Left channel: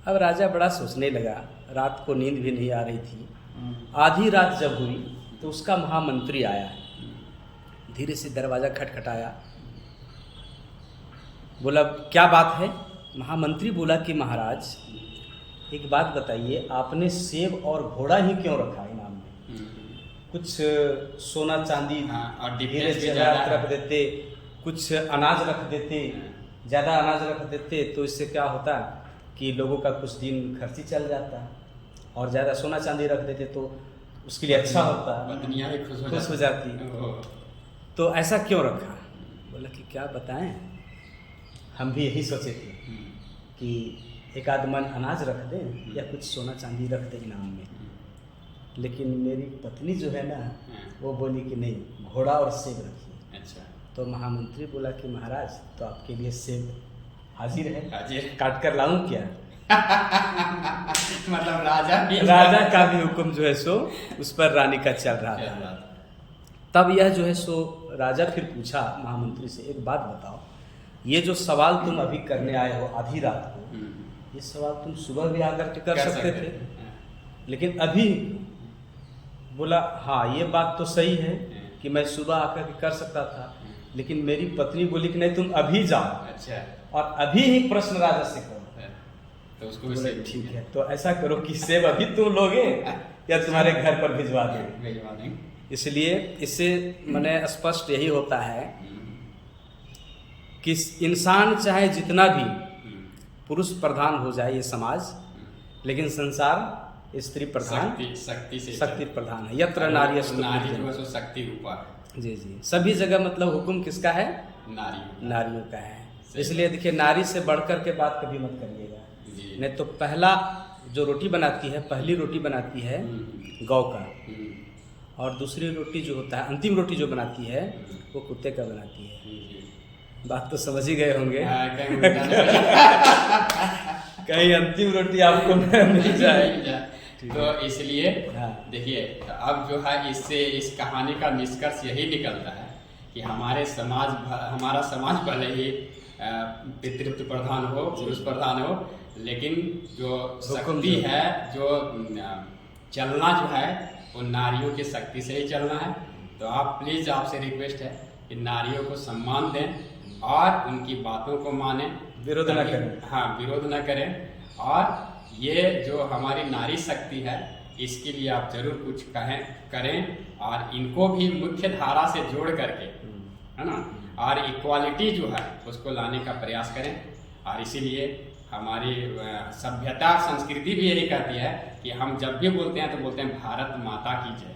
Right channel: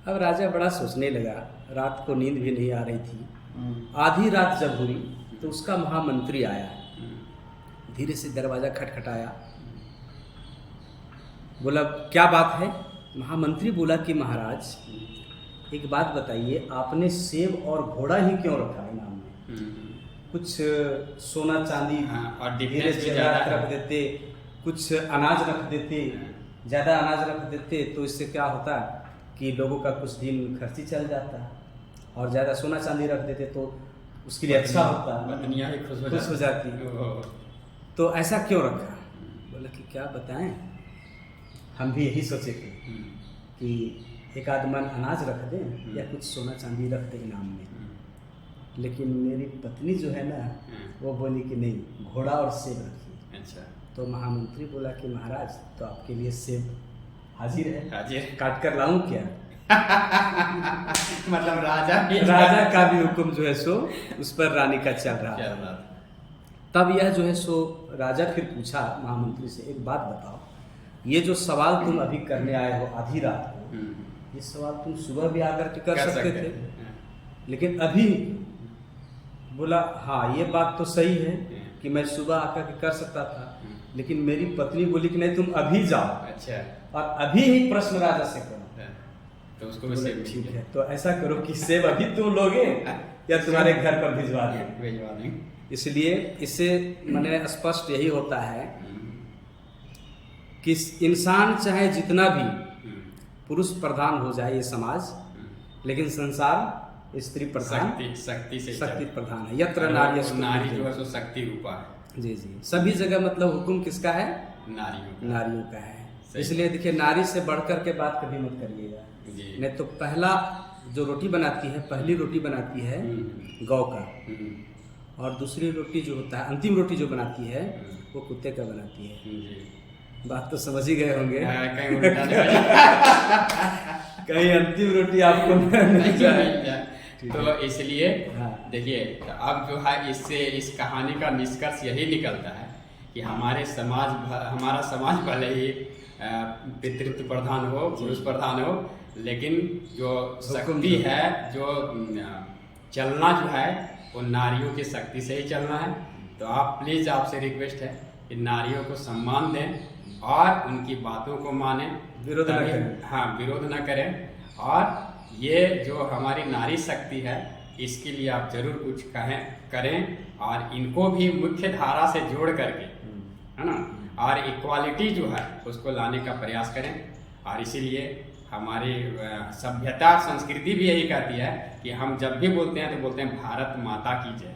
अब राजा बड़ा सोचने लगा, रात को नींद भी नहीं आ रही थी। आधी रात जब हुई तो उसका महामंत्री आया, धीरे से दरवाजा खटखटाया, बोला क्या बात है। महामंत्री बोला कि महाराज एक बात बताइए, आपने सेब और घोड़ा ही क्यों रखा इनाम में? कुछ सोना चांदी और धीरे डिफरेंस से रख देते, कुछ अनाज रख देते, ज़्यादा अनाज रख देते तो इससे क्या होता कि लोगों का कुछ दिन खर्ची चल जाता, और ज़्यादा सोना चांदी रख देते तो उसके लिए अच्छा होता, पत्नियां भी खुश हो जाती। तो ऐसा क्यों रखा? बोला कि क्या बताएं, हम भी यही सोचे थे कि एक आध मन अनाज रख दें या कुछ सोना चांदी रख दें इनाम में, लेकिन मेरी पत्नी जो है ना वो बोली कि नहीं, घोड़ा और सेब रखिए। अच्छा। तो महामंत्री बोला कि महाराज तो आपके लिए सेब हाजिर है, हाजिर। काट कर लाऊं क्या? मतलब राजा का भी हुक्म जो है सो उस पर रानी का चल रहा था। तब यह जो है सो राजा फिर पूछा महामंत्री से, एक बात बताओ, ये जो सवाल तुम अभी करने आए हो आधी रात को, ये सवाल तुम सुबह भी आकर के कर सकते थे, लेकिन अभी? बोला हाँ ये बात तो सही है कि मैं सुबह आकर के कर सकता था, लेकिन मेरी पत्नी बोली कि नहीं तुम अभी जाओ। अच्छा। और अभी ही प्रश्न राजा से करो। तो उसको भी बोले ठीक है, तो ऐसा करो कि सेब अभी तुम लोगे या तुम्हारे घर पर भिजवा देंगे। इसलिए इससे मैंने स्पष्ट यही होता है कि इंसान चाहे जितना भी पुरुष प्रधान हो जाए ये समाज, लेकिन संसार स्त्री प्रधान, शक्ति प्रधान है। यत्र नारी जो है सो शक्ति रूपा है। जी जी, सभी जगह मतलब हुक्म किसका है? नारियों का है। इसलिए देखिए, नारी से बढ़कर के बात कभी मत करिएगा, नहीं तो पहला जो रोटी बनाती है, पहली रोटी बनाती है गौ का, और दूसरी रोटी जो होता है, अंतिम रोटी जो बनाती है वो कुत्ते का बनाती है। बात तो समझ ही गए होंगे। कहीं अंतिम रोटी आपको मिल जाए। तो इसलिए देखिए, तो अब जो है इससे इस कहानी का निष्कर्ष यही निकलता है कि हमारा समाज भले ही पितृत्व प्रधान हो, पुरुष प्रधान हो, लेकिन जो शक्ति है, जो चलना जो है वो नारियों की शक्ति से ही चलना है। तो आप प्लीज, आपसे रिक्वेस्ट है कि नारियों को सम्मान दें और उनकी बातों को मानें, विरोध न करें। हाँ, विरोध न करें। और ये जो हमारी नारी शक्ति है, इसके लिए आप जरूर कुछ करें और इनको भी मुख्य धारा से जोड़ करके, है ना, और इक्वालिटी जो है उसको लाने का प्रयास करें। और इसीलिए हमारी सभ्यता और संस्कृति भी यही कहती है कि हम जब भी बोलते हैं तो बोलते हैं भारत माता की जय।